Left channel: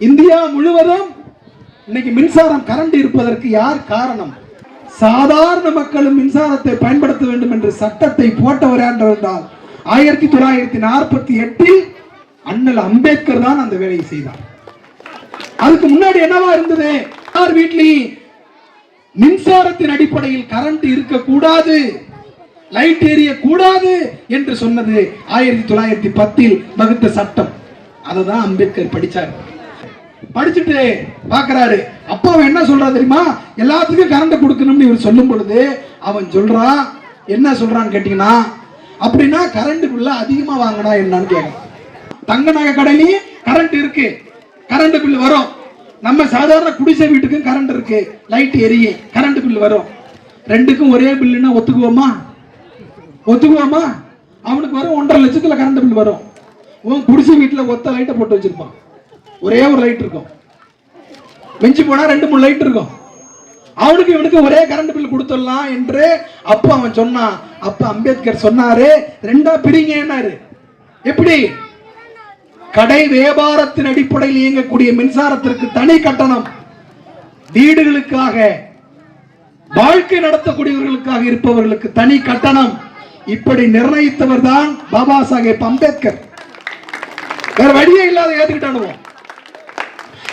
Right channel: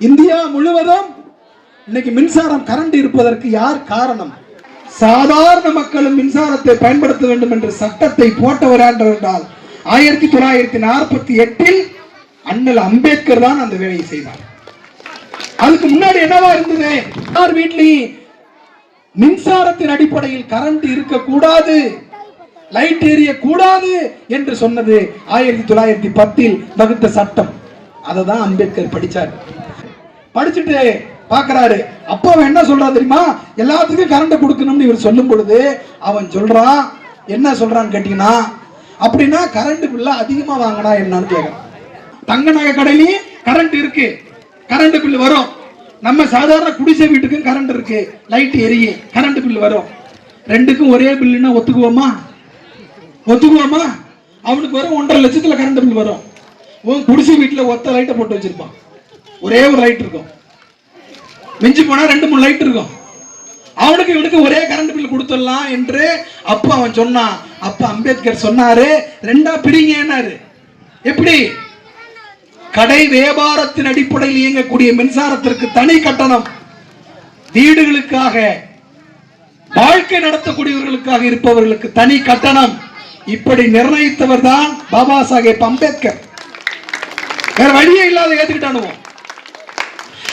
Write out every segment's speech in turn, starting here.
India முழுவதும் இன்னைக்கு மின்சாரம் கரண்ட் இருப்பதற்கு யார் காரணம்? சாதாரண மக்களும் மின்சாரத்தை பயன்படுத்த வேண்டும் என்று சட்டத்தை போட்டவர் என்றால் ஆயிரத்தி தொள்ளாயிரத்தி நாற்பத்தி எட்டில் அண்ணல் அம்பேத்கர் தான் அந்த வேலையை செய்தார். அதுக்கு முன்னாடி என்னவா இருந்தது? யார் வீட்லயும் மின்சாரத்தின் அடிப்படையில் கரண்ட் இருக்கக்கூடாது லைட் எரிய கூடாது என்று சொன்னது ஆயிரத்தி தொள்ளாயிரத்தி பத்தில் வகுத்த சட்டம். அதை தான் அம்பேத்கர் படித்தார் படிச்சுட்டு பாக்குறாரு. அப்போ அவன் என்ன சொல்றா தெரியுமா? எல்லாத்துக்கும் கரண்ட் கொடுக்கணும்னு இவர் சொல்லும் பொழுது அவன் சொல்றான் என்ன சொல்றான்னு கேட்டீங்கன்னா அப்படின்னா கரண்ட் பில்ல அதிகமா வாங்கினா என்னன்னு கேட்கும் தங்க நகை கடையிலையும் கரண்ட் இருக்கு. கரண்ட் பில் வரும். நம்ம சாதாரண குடிசை வீட்டுக்கும் கரண்ட் இருக்கு. லைட் எரியும் கரண்ட் பில் வரும். ரெண்டுக்கும் ஒரே பில்லுன்னா ஒத்துக்குவோமா? ஒத்துக்குவோமா? அவனுக்கு வரும் ஒன்றரை லட்சத்துல கரண்ட் பில் வரும். உன் குடிசை வீட்டில் ஒத்த லைட்டை போட்டு வச்சிருப்பான். ஒரே ஒரு லைட் இருக்கும். மிஞ்சி போனா ரெண்டு மூணு லைட் இருக்கும். அவனுக்கு இவனுக்கு ஒரே கரண்ட் பில் கொடுத்துடலாம் என்று அப்ப அவன் சொன்னான். அப்ப அம்பேத்கர் சொன்னாரு ரெண்டா பிரிங்கன்னாரு எப்படி? கடை வியாபாரத்தின் அடிப்படையில் இயங்கக்கூடிய மின்சாரத்திற்கு தனி கட்டணம். வீடுகளுக்காக வாழ்க்கை நடத்தக்கூடியவர்களுக்காக இருப்பவர்களுக்கு தனி கட்டணம். இப்படி நிர்ணயித்தவர் தான் பாபா சாஹேப் அம்பேத்கர். வேற வழியே இல்லாத ஏத்துக்கிட்டானுவோம்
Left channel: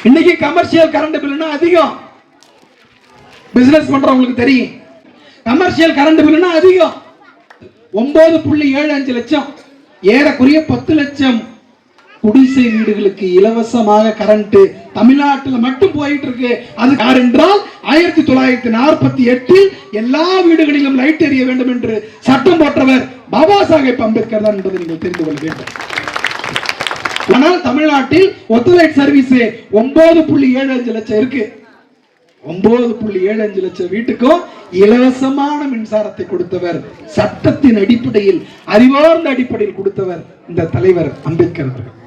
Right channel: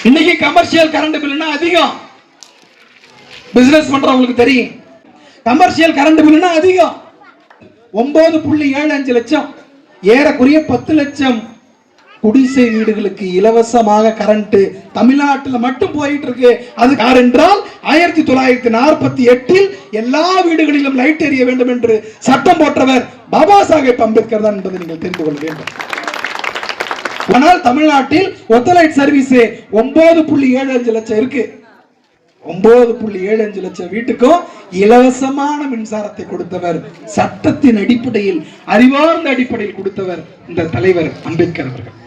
இன்னைக்கு கமர்ஷியல் கரண்ட் பில்னா அதிகம். பிசினஸ் பண்றவங்களுக்கு தெரியும். கமர்ஷியல் கரண்ட் பில்னா அதிகம். ஒன்பது புள்ளி ஏழு அஞ்சு லட்சம். ஏறக்குறைய பத்து லட்சம். குடிசை வீடுகளுக்கு இலவசமாக கரண்ட் தமிழ்நாட்டில் மட்டும் போயிட்டு இருக்கு அது யார் என்றால் ஆயிரத்தி தொள்ளாயிரத்தி நாற்பத்தி எட்டில் எல்லா வீடுகளிலும் லைட் எரிய வேண்டும் என்று சட்டம் போட்டவர் பாபா சாஹேப் அம்பேத்கர் தான் என்பதை நீங்கள் தெரிந்து கொள்ள வேண்டும். ஆனால் தமிழ்நாட்டில் ஒத்தலைட் சர்வீஸ் ஒன்பது புள்ளி ஏழு அஞ்சு லட்சம் இருக்கு. ஒன்பது புள்ளி ஏழு அஞ்சு லட்சம் வீட்டுக்கும் இலவசமான மின்சாரத்தை கொடுத்தவர் சட்டத்தின் அடிப்படையில் அறிவார்ந்த அடிப்படையில் கொடுத்தவர் இந்த தலைவர் அம்பேத்கர் அவர்கள்.